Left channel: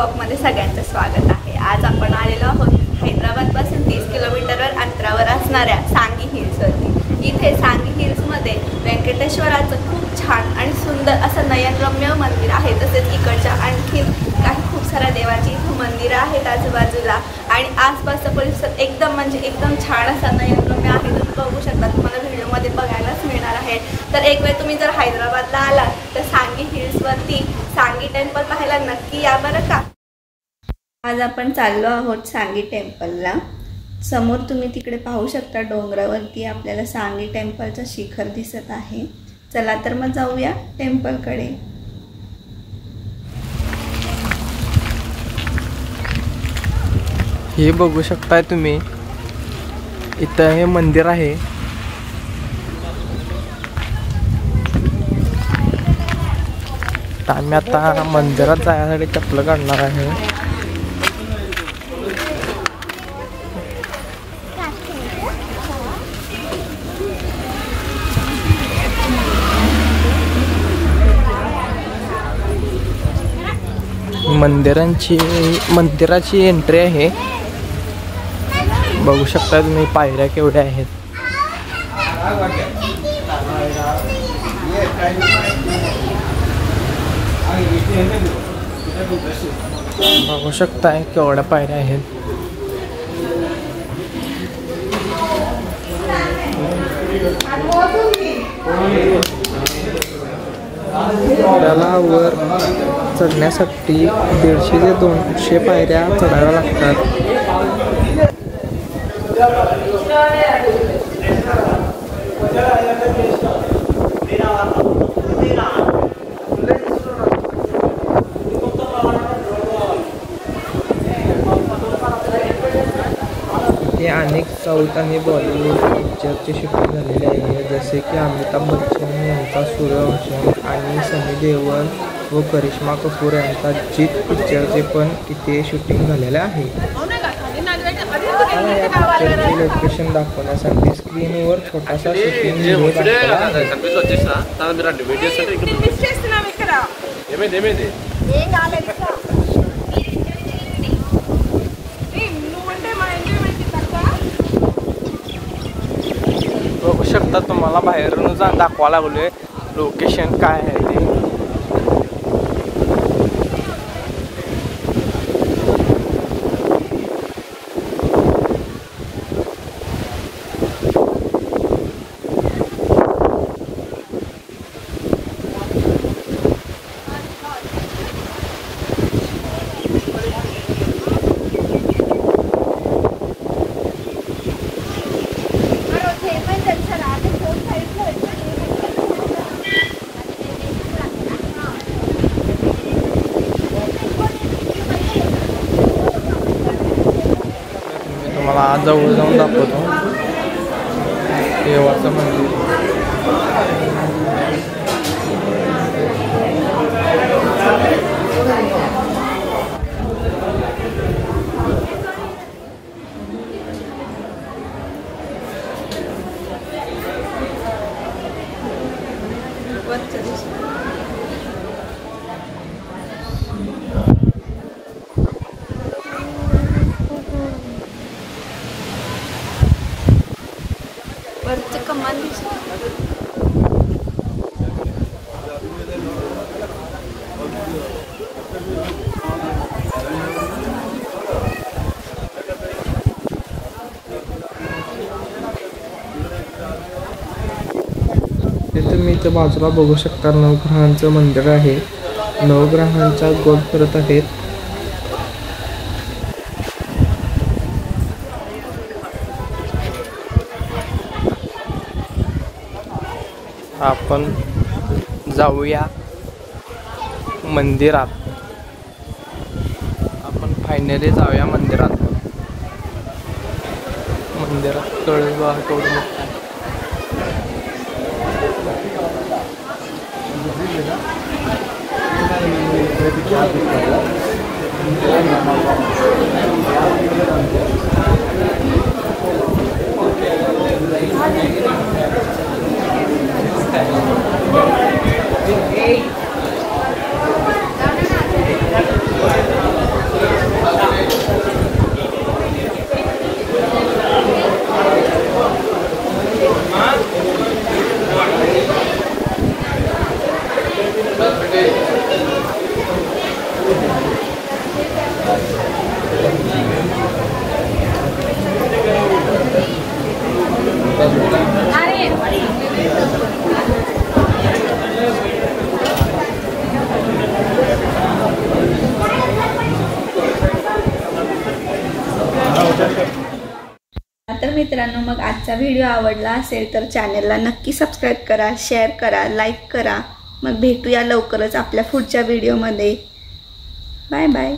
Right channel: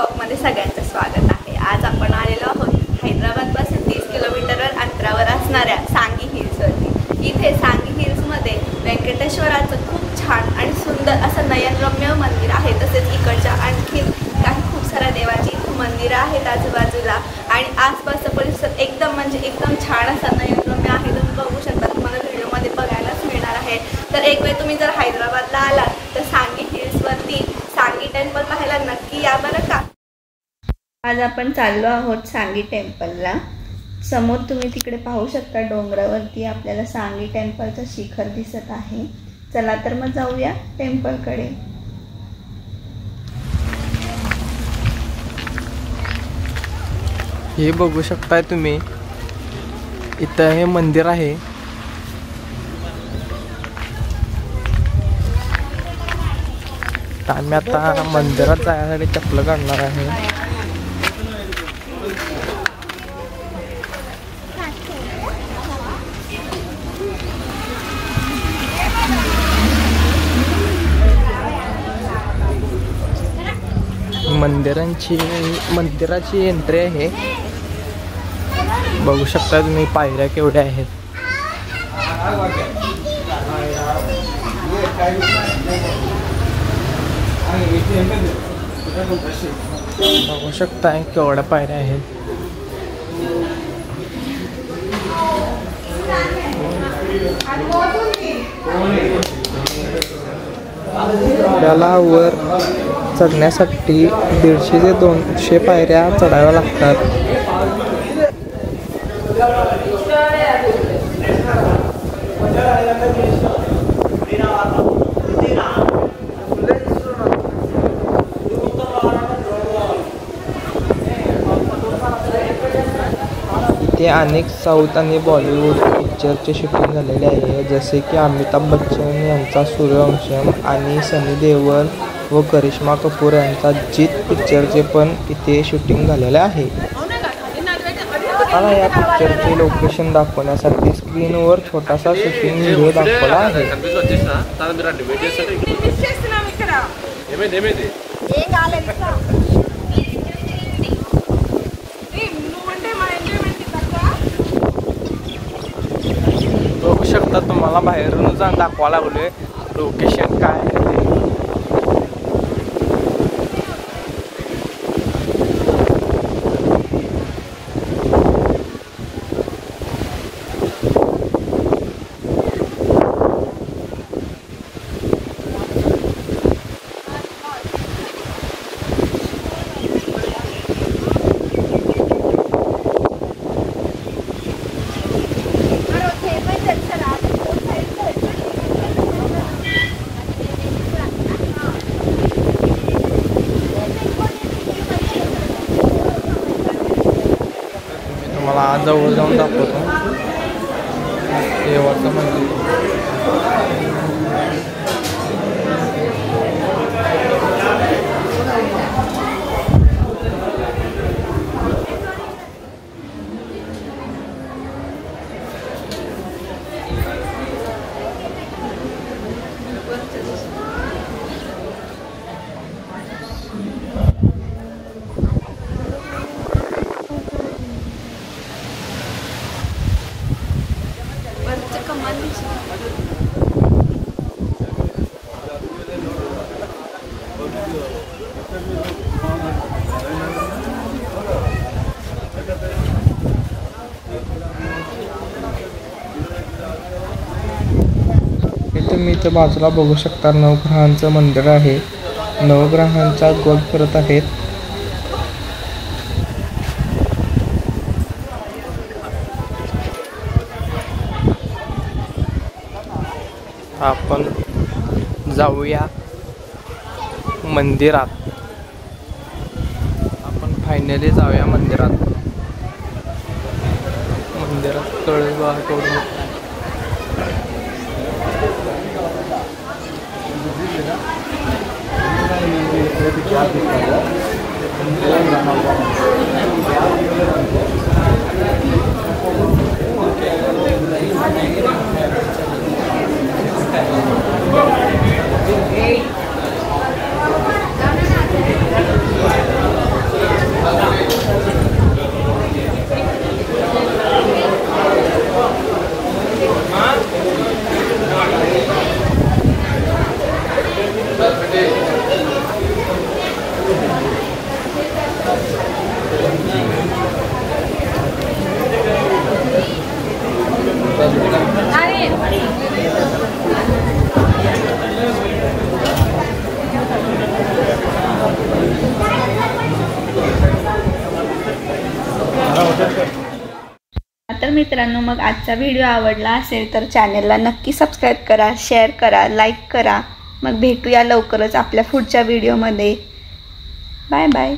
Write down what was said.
ब्लॉगमध्ये सगळ्यांचं स्वागत आहे। आज आपण आलेलो आहोत हैदराबादपासून 30 किलोमीटरवर अंतरावर असणाऱ्या सांगी हिल्सवरती। इथे सांगी हिल्समध्ये व्यंकटेश्वराचं खूप छान आणि सुंदर असं नयनरम्य मंदिर आहे। तसेच इकडच्या आणखी काही खूप साऱ्या देवाची मंदिरं आहेत आजूबाजूला आणि आसपासचा परिसर एकदम छान असा नयनरम्य आहे। तुम्ही बघू शकता, तुम्हाला व्हिडिओमध्ये बघायलाच मिळणार आहे। तर एक वेळ तुम्ही जर हैदराबादला आलात तर सांगी हिल्सवरती सांगी टेम्पल पाहायला नक्की या बरं का। आज आपण चाललो आहोत सांगी टेम्पलला। समोर तुम्ही तिकडे पाहू शकता, डोंगरावरती आपल्याला सांगी टेम्पलचं शिखर दिसत आहे। चला तर मग जाऊया टेम्पलकडे। हे बघू शकताय तुम्ही, इथं हे मंदिर आहे। आम्ही आता मंदिरात जाण्यासाठी चप्पल काढणार आहे। मंदिराची एंट्री आहे। बघू शकता तुम्ही पायऱ्या केवढ्या आहेत। बघू शकताय केवढ्या पायऱ्या आहेत। त्याला वर चढण्यासाठी 150 ते 200 पायऱ्या चढाव्या लागतात। इथे अनेक साऊथ आणि बॉलिवूड पिक्चरचे शूटिंग झालेले आहे, जसे की अमिताभ बच्चन यांचा सूर्यवंशम आणि सनी देओल व करिश्मा कपूर यांचा जीत पिक्चरचे पण इथे शूटिंग झालेले आहे। मला या पिक्चरचे लोकेशन दाखवण्यासाठी स्क्रीनवर छोटासा शूटिंग व्हिडिओ दाखवला आहे। बघू शकता, तुम्हाला बाहेरून दाखवा लागलोय लोकेशन काय आहे ते। तुम्हाला जवळ जाऊन दाखवतो देवाचं मंदिर। तुम्ही इथं बाजूला बघू शकता, नवग्रहांचं मंदिर आहे। नवग्रहांचा गोल फिरत आहेत। आपण जाऊया मंदिरात। आपण फायनली जाऊया मंदिरात। मंदिरात कळस बघा केवढं मोठं आहे। तर मित्रांनो, मग आजचा व्हिडिओ आवडला असेल तर चॅनलला नक्की सबस्क्राईब करा, शेअर करा, लाईक करा. मग भेटूया लवकरच आपल्या पुढच्या व्हिडिओमध्ये. Bye bye.